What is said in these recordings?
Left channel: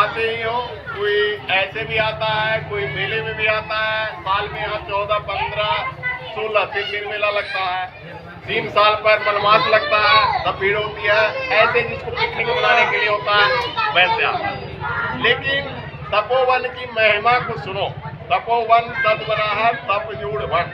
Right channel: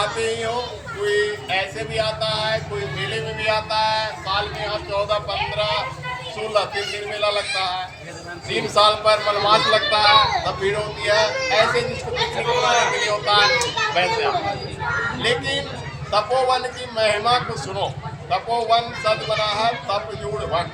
आते ही हो, कोई ऐसे भी आता है, कोई मेले में भी आता है। साल में यहाँ 14, 15, 16 3 दिन मेला लगता है। 3 साल पर मनमास लगता है, तब भीड़ होती है। ऐसे जिसको पिकनिक मनाने के लिए होता है वैसे आता है। लेकिन तपोवन की महिमा को सुनो। तपोवन सद बना है तपजूड़ वन।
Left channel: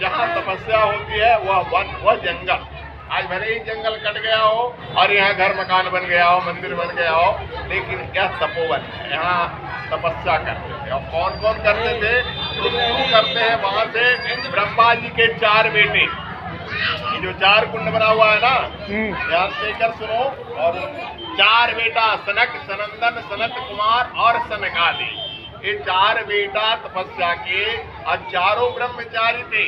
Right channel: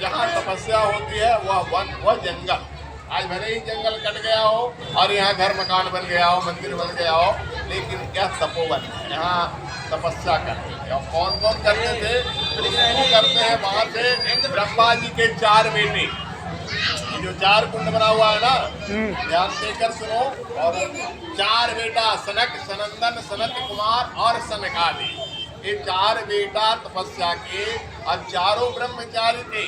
जहाँ तपस्या होती है वह वन, वह जंगल। आज भले ही जंगल कट गया हो और यहाँ घर मकान बन गया हो, मंदिर बन गया हो, लेकिन यह तपोवन है। यहाँ तपस्या करते थे। और कौन कौन करते थे? तो शुरू करते हैं वहां से ब्रह्मा जी के 4 बेटे। ये जो 4 कुंड बना हुआ है ना, ध्यान देकर सुनो। और 4 बेटा सनक, सनंदन, सनत कुमार और सनकादि। ये 4 बेटा तपस्या के और चारों ब्रह्मचारी थे।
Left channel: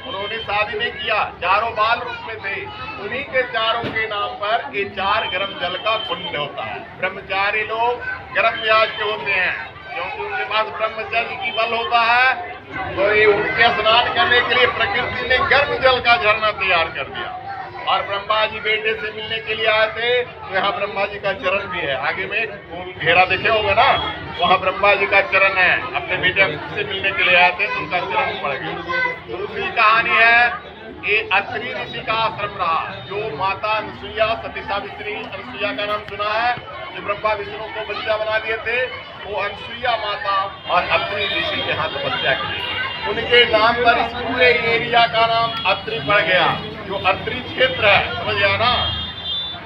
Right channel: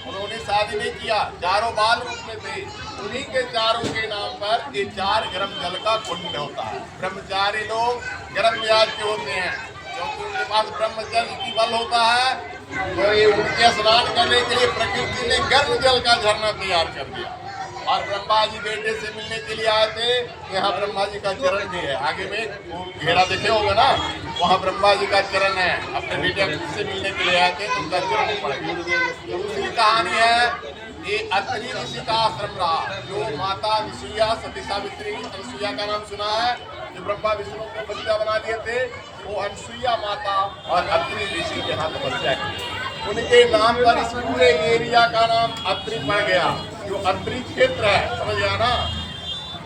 उन्होंने शादी नहीं किया, चारों बाल रूप में थे। उन्हीं के चारों के नाम पर ये 4 गर्म जल का कुंड होता है। ब्रह्मचारी लोग गर्म व्याज के होते हैं, क्योंकि उनके पास ब्रह्मचर्य की बल होता है। तो ये उनके स्नान करने के लिए प्रकृति ने गर्म जल का झरना तैयार कर दिया। और ब्रह्मा जी बेटे से मिलने के लिए आए थे, तो यहाँ ब्रह्मा जी का चरण भी है। आगे में घेरा देखे होगा ना, वहाँ ब्रह्मा जी का चरण है। अपने बेटे से मिलने के लिए आए थे तो उनका चरण पड़ गया। दूसरी कहानी है, ये अत्रि ऋषि का आश्रम रहा। जो माता अनुसुईया, सती सावित्री, अनुसुईया का नाम सुना है, जो ब्रह्मा विष्णु को बच्चा बना दिए थे, वो अनुसुईया माता और अत्रि ऋषि के यहाँ तपस्या की। उनके नाम पर इस पूरे एरिया का नाम अत्रि पड़ गया। जो अत्रि क्षेत्र है, समझ गया ना,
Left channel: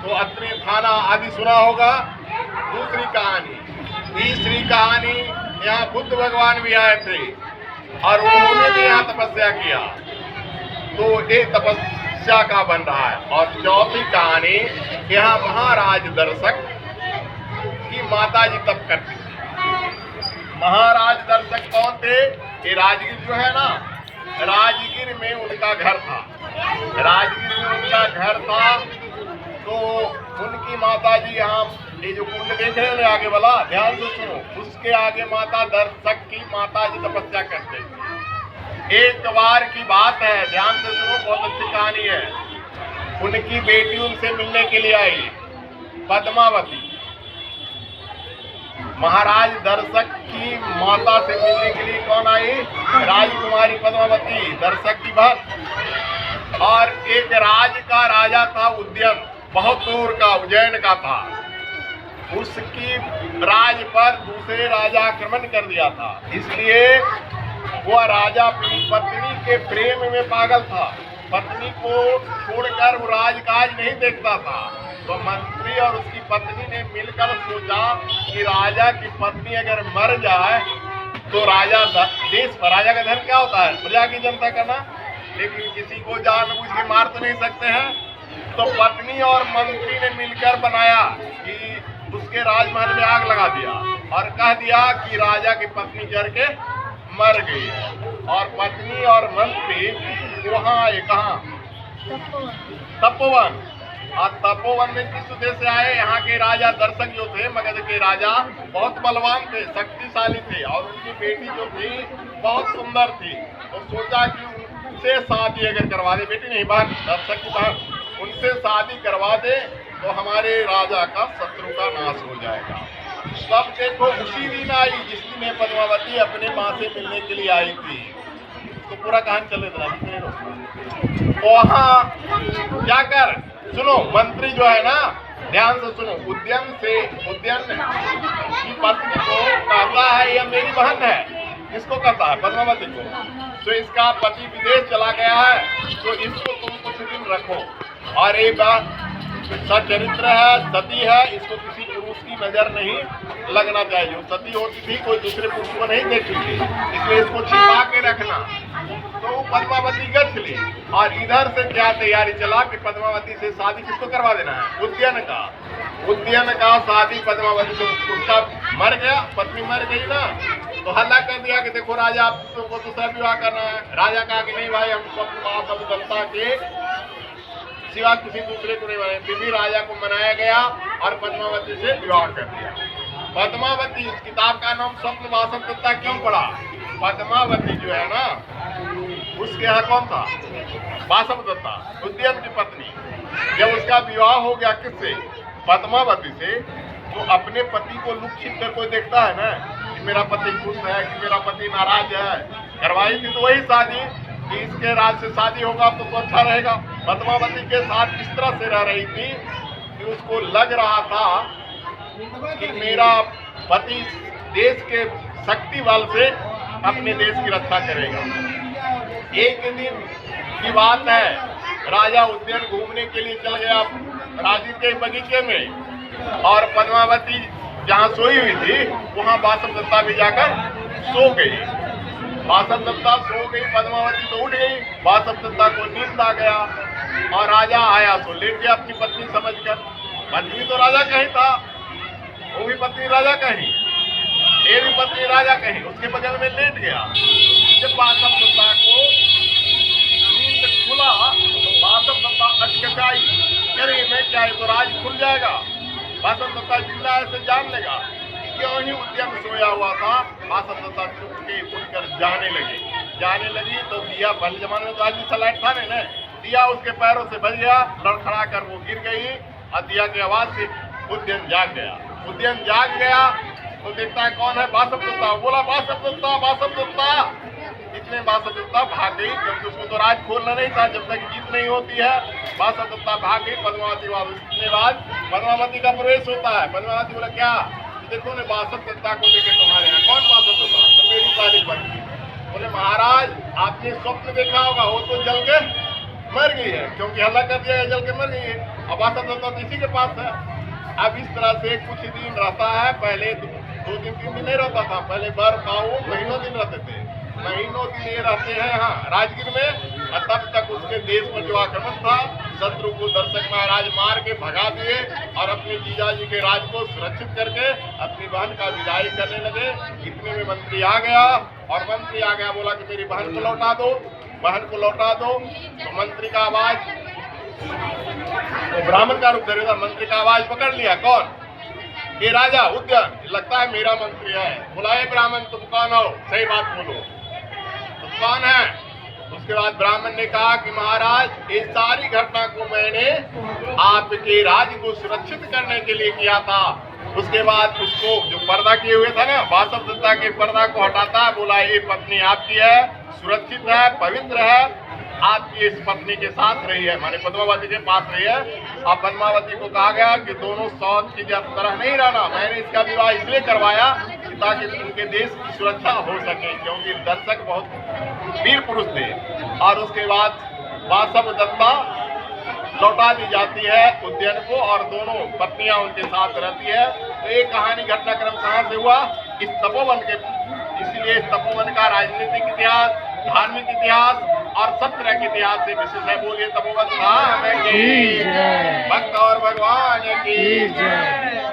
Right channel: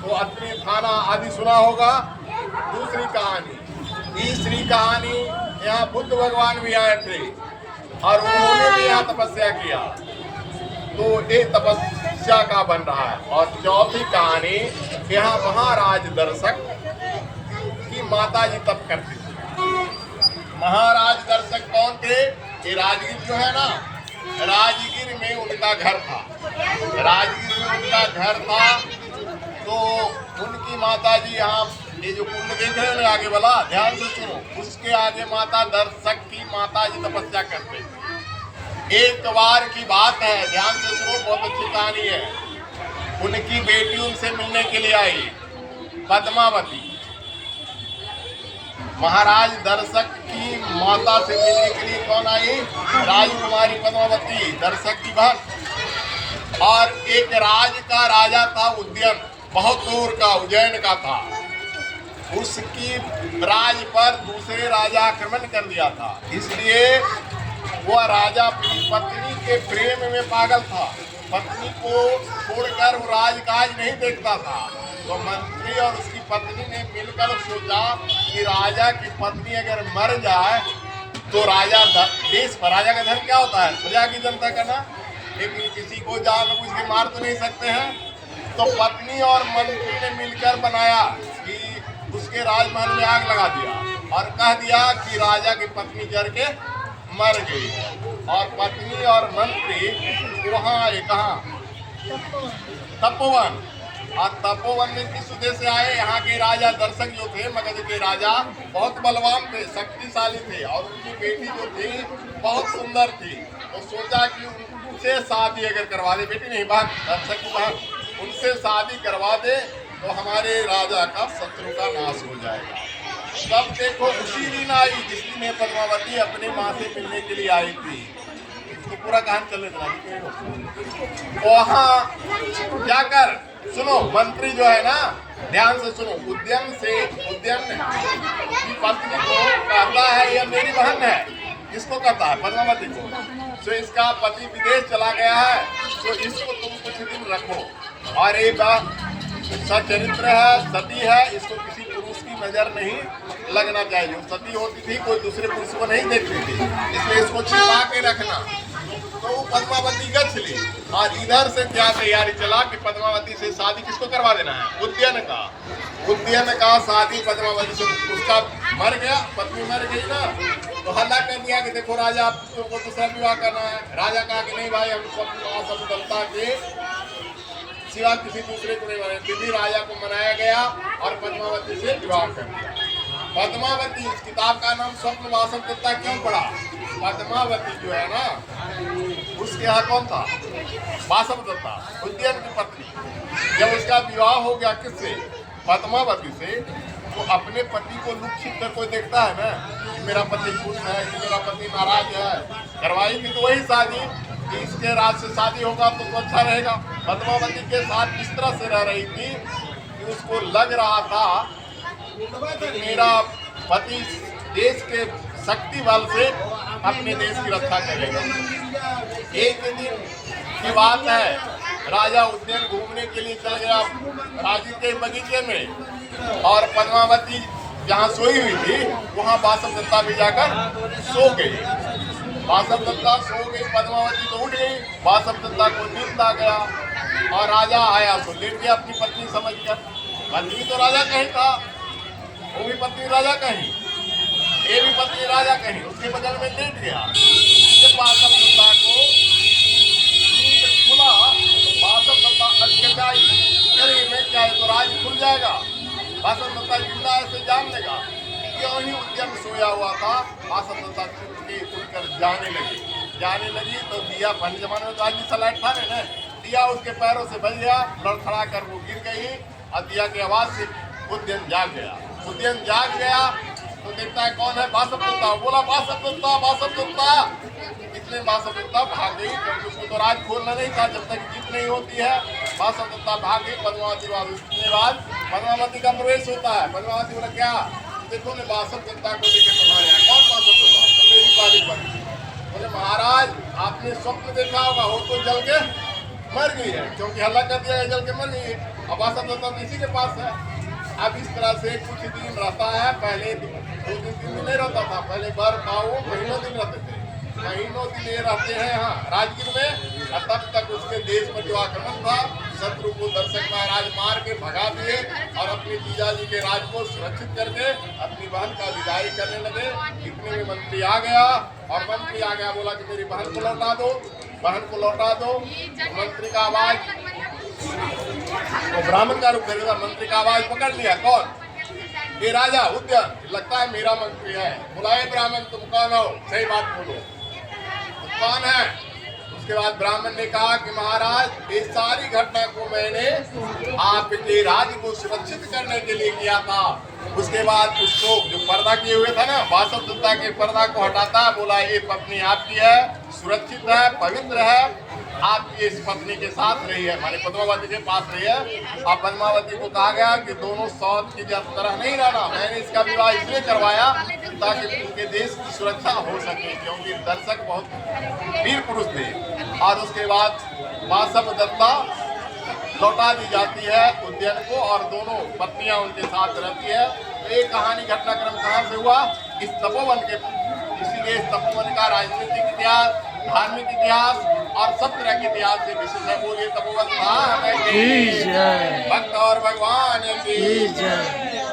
तो अत्रि थाना आदि सुना होगा। दूसरी कहानी। तीसरी कहानी, यहाँ बुद्ध भगवान भी आए थे और उन्होंने भी यहाँ तपस्या किया। तो ये तपस्या का बन रहा है। और चौथी कहानी, यहाँ महाराज दर्शक की माता जी तप करती थी। महाराज दर्शक कौन थे? ये राजगीर जो है ना, राजगीर में उनका घर था। राजगीर में उनका घर था। तो उनकी माता जी यहाँ, ये जो कुंड देख रहे हैं आगे वाला, ध्यान से सुनो, उसके आगे माता दर्शक की माता जी तपस्या करते थे। एक बार की बात है, ध्यान से सुनो, बहुत अच्छी कहानी है। उनकी बेटी उनसे मिलने के लिए आई, पद्मावती। महाराज दर्शक की माता से मिलने के लिए कौन आई? राजकुमारी पद्मावती, दर्शक की बहन। और एक राज का राजा था उद्यन, बहुत दूर का, उज्जैन का था। उसकी राज पर दूसरे राजा आक्रमण कर दिया था। इसलिए वह राजा अपनी पत्नी के प्रेम में पागल था। पत्नी को छोड़कर वो राजकाज नहीं देखता था। तो मंत्री और उसकी पत्नी ने मिलकर सोचा कि राजा की पत्नी अगर मर जाए तो राजा देश पर, राजा का धर्म क्या होता है? प्रजा की जनता का ना। लेकिन किसी को जानबूझ के मार तो नहीं सकते हैं। तो पत्नी और मंत्री ने मिलकर बनाया कि उसके राजमहल में आग लगा दिया और कह दिया कि राजा की पत्नी जल के मर गई है। और पत्नी और मंत्री वहाँ आए, कहाँ? तपोवन। और तपोवन में किस उद्देश्य से आए? यहाँ के राजा दर्शक जो थे, मगध के राजा, बहुत बलवान थे, शक्तिशाली थे। और उनकी बेटी जो थी बहुत सुंदर थी। तो सोचा कि उनसे शादी अगर करवा दे, बेटी नहीं बहन, दर्शक की बहन, उनसे शादी करवा दे तो हमारे राजा का शत्रु का नाश हो जाएगा। तब देखो उसी दिन आई जिस दिन पद्मावती अपने माँ से मिलने के लिए आई थी। तो पूरा कहानी चले वहाँ जाकर सुनो, मंत्री जो है ना, ध्यान से सुनो, उद्यन की पत्नी को कहता है यह मेरी बहन है। किसको कहता है? पद्मावती को। तो इसका पति विदेश चला गया है, तो इसको तुम कुछ दिन रखो। और एक सचरित्र है, सती है, इसको किसी पुरुष की नजर नहीं लगना चाहिए। जो सती होती थी कोई दूसरे पुरुष को नहीं देखती थी, इसलिए इसको छिपा के रखना। तो पद्मावती गछ ली। और इधर से क्या तैयारी चला कि पद्मावती से शादी किसको करवा देना है? उद्यन का। उद्यन का शादी पद्मावती से, उसका मर गया, पत्नी मर गई ना, तो हल्ला कर दिया कि देखो राजा आपको दूसरा विवाह करना है। राजा कहा कि नहीं भाई, हम सब दलता के सिवा किसी दूसरे को नहीं बनाए। फिर भी राजा को मनाया गया और पद्मावती से विवाह कर दिया। पद्मावती, इस किताब का नाम स्वप्न वासव दत्ता क्यों पड़ा? पद्मावती जो है ना, उसके यहाँ कौन था? वासव दत्ता, उद्यन की पत्नी। जब उसका विवाह हो गया किससे? पद्मावती से, तो अपने पति को लुक छिप कर कोई देखता है ना कि मेरा पति खुश है कि मेरा पति नाराज है। करवाई थी तो वही शादी कि इसके राज से शादी होगा तो अच्छा रहेगा। पद्मावती के साथ इस तरह से रह रही थी कि उसको लग रहा था कि मेरा पति देश के शक्ति बल से अपने देश की रक्षा करेगा। एक दिन की बात है, राजा उद्यान घूमने के लिए चल गया राजीव के बगीचे में, और पद्मावती जहाँ सोई हुई थी वहाँ बासव दत्ता भी जाकर सो गई। बासव दत्ता सो गई, पद्मावती तो उठ गई। बासव दत्ता को नींद आ गया और राजा आया तो लेट गया अपनी पत्नी समझकर। पत्नी तो राजा कहीं था, वो भी पत्नी राजा कहीं, ये भी पत्नी राजा कहीं, उसके बगल में लेट गया। जब बासव दत्ता को नींद खुला तो बासव दत्ता अटकाई, अरे मैं क्या है तो राज खुल जाएगा। बासव दत्ता जिंदा ऐसे जान लेगा। क्यों ही उद्यम सोया हुआ था, बासव दत्ता चुपके उठकर जाने लगी तो दिया, पहले जमाने में तो आज भी सलाइट था ना, दिया उसके पैरों से बच गया, लड़खड़ा कर वो गिर गई और दिया की आवाज से उद्यम जाग गया। उद्यम जाग गया तो देखता है कौन है, बासव दत्ता। बोला बासव दत्ता, बासव दत्ता। इतने बासव दत्ता भाग गई, क्योंकि उसको तो राज खोलना नहीं था जब तक जीत नहीं होती है। बासव दत्ता भाग गई पद्मावती के बाद पद्मावती का प्रवेश होता है। पद्मावती बोला क्या, देखो ने बासव दत्ता को देखे तुम्हारे यहाँ। कौन बासव दत्ता? तो मेरी सारी बनी। बोले महाराज आपने स्वप्न देखा होगा, वो तो जल के मर गई है, क्योंकि हल्ला कर दिया है, जल के मर गई है। और बासव दत्ता तो इसी के पास है। अब इस तरह से कुछ दिन रहता है, पहले 2 दिन 3 दिन नहीं रहता था, पहले बार पाओ महीनों दिन रहते थे, महीनों दिन ये रहते हैं यहाँ राजगीर में। और तब तक उसके देश पर जो आक्रमण था, शत्रु को दर्शक महाराज मार के भगा दिए और अपने जीजाजी के राज को सुरक्षित करके अपनी बहन का विदाई करने लगे। इतने में मंत्री आ गया, और मंत्री आ गया बोला कि मेरी बहन को लौटा दो, बहन को लौटा दो। तो मंत्री का आवाज, वो ब्राह्मण का रूप धरेगा, मंत्री का आवाज पकड़ लिया। कौन? ये राजा उद्यन, लगता है मेरा मंत्री है। बुलाए ब्राह्मण, तुम कौन हो, सही बात बोलो, तुम कौन है? उसके बाद ब्राह्मण ने कहा कि महाराज ये सारी घटना को मैंने आपके राज्य को सुरक्षित करने के लिए किया था। उसके बाद उसको जो पर्दा किए हुए था ना, बासव दत्ता के पर्दा को हटाता, बोला ये पत्नी आपकी है, सुरक्षित है, पवित्र है, आपकी इस पत्नी के साथ रही है, माने पद्मावती के पास रही है। और पद्मावती को कहा गया कि दोनों सौत की तरह नहीं रहना। मैंने इसका विवाह इसलिए करवाया ताकि उनके देश की सुरक्षा हो सके, क्योंकि दर्शक बहुत वीर पुरुष थे। और उसके बाद बासव दत्ता लौटा दी जाती है उद्यन को, और दोनों पत्नियां उनके साथ रहती है। तो ये कहानी घटनाक्रम कहाँ से हुआ? इस तपोवन के। इसलिए इस तपोवन का राजनीतिक इतिहास, धार्मिक इतिहास और सब तरह के इतिहास से विशेष है। बोलिए तपोवन धाम की जय, भक्त और भगवान की जय।